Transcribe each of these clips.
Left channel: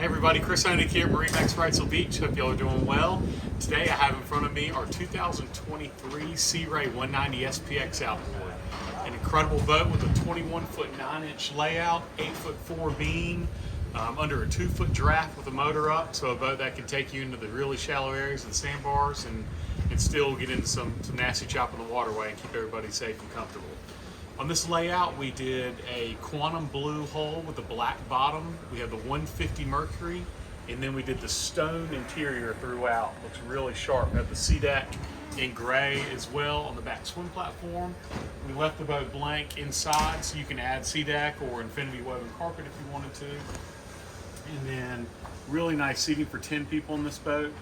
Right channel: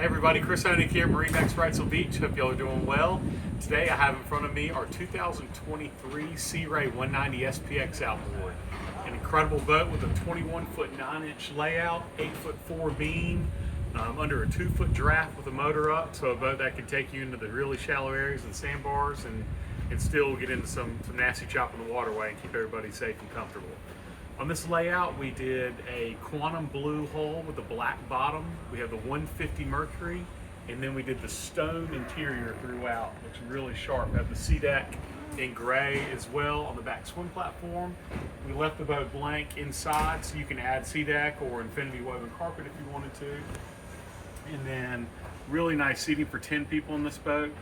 Hey everybody, Chris Honig here, MarineMax Wrightsville Beach. Hope y'all are doing well. Today I have in front of me our 2023 Sea Ray 190 SPX Outboard. An incredible boat with a 21-foot 9-inch layout, 8'4" beam, under a 2-foot draft with a motor up, so a boat that can take you into the really shallow areas of the sandbars and still get into some nasty chop on the waterway and keep everybody safe and comfortable. On this layout, we did a quantum blue hull with a black bottom. We have the 150 Mercury, and then we did the stone interior throughout. Looks really sharp. We have the sea deck in gray as well on the back swim platform. We left the boat blank inside, so you can add sea deck or infinity woven carpet if you wanted to. And then really nice seating for 10 people in this boat.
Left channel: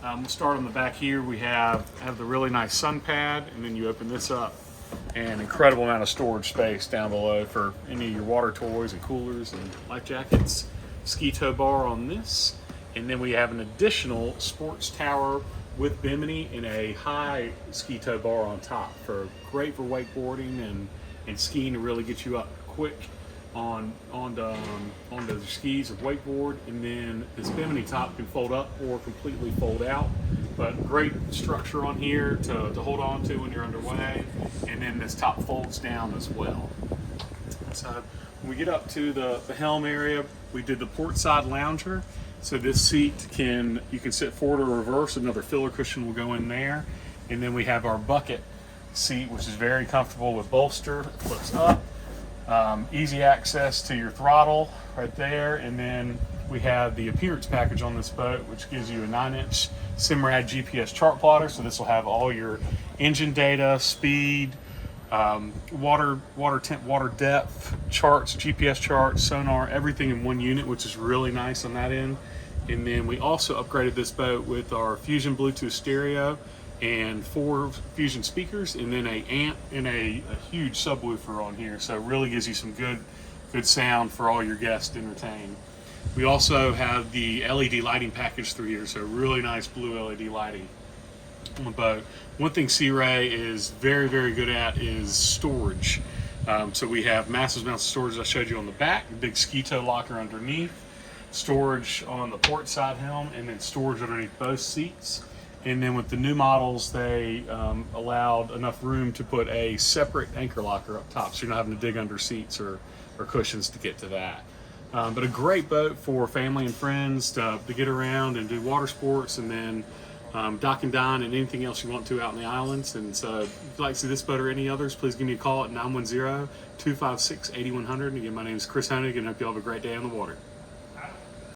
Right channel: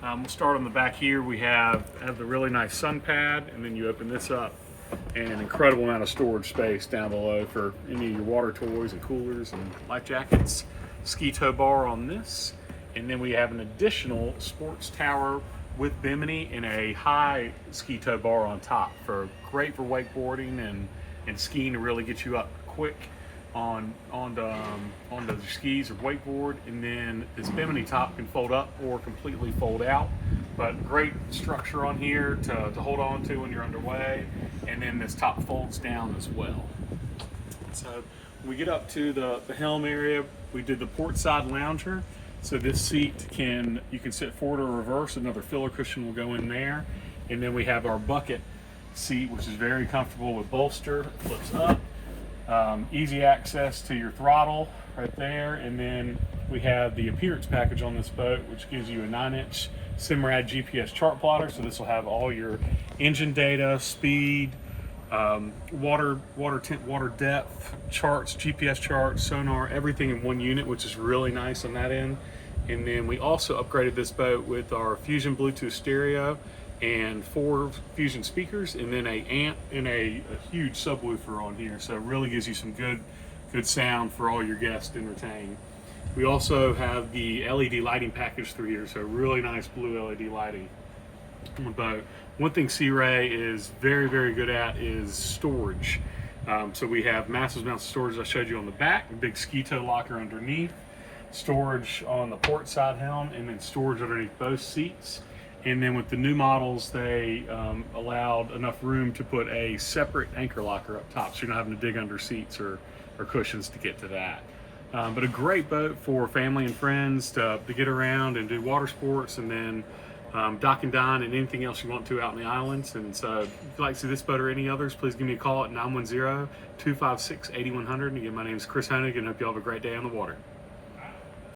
We'll start on the back here. We have the really nice sun pad, and then you open this up. An incredible amount of storage space down below for any of your water toys and coolers and life jackets. Ski tow bar on this, and then we have an additional sports tower with bimini and a high ski tow bar on top great for wakeboarding and skiing to really get you up quick onto your skis or wakeboard. And then this bimini top can fold up or completely fold out, but great structure on here to hold on to when you're underway. And then this top folds down as well. So when we get up to the helm area, we did the port side lounger. So this seat you can sit forward or reverse. Another filler cushion will go in there. And then we have our bucket seat, which is very comfortable with bolster, flips up. Easy access to your throttle right there. And then we have the appearance package on this boat, which gives you a 9-inch Simrad GPS chart plotter. So this will have all your engine data, speed, water temp, water depth charts, GPS charts, sonar, everything in one unit, which is really nice on that end. And then we also upgraded this boat with our Fusion Bluetooth stereo and 4 Fusion speakers, and then a amp and a huge subwoofer on here. So it really gives you some good sound for all your guests to entertain. We also have the LED lighting package through here, so really nice blue LED lighting on the boat. One thing Sea Ray is very, very good at is storage. So we have massive amounts of storage I showed you on the back, big ski tow locker underneath, storage on the port side helm, and then storage underneath both seats. And then with the new models, they allowed enough room to put a separate anchor locker up top, so you're not having to dig under seats or cushions to get to that. But a great boat for family and friends to get around and do water sports, and then dock and dine and anything else you want to out in the islands. And so if you'd like to see this boat or any others, please give me a call at 910-256-8100. And again, my name is Chris Honig, and hope you all have a great day on the water.